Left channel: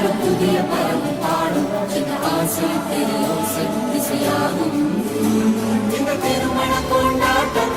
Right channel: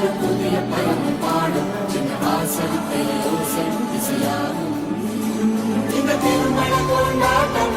ஒரு புதிய பறவை பாடும் இந்த ஆசை இசையாகும் இந்த திருமண கொண்டாட்டம்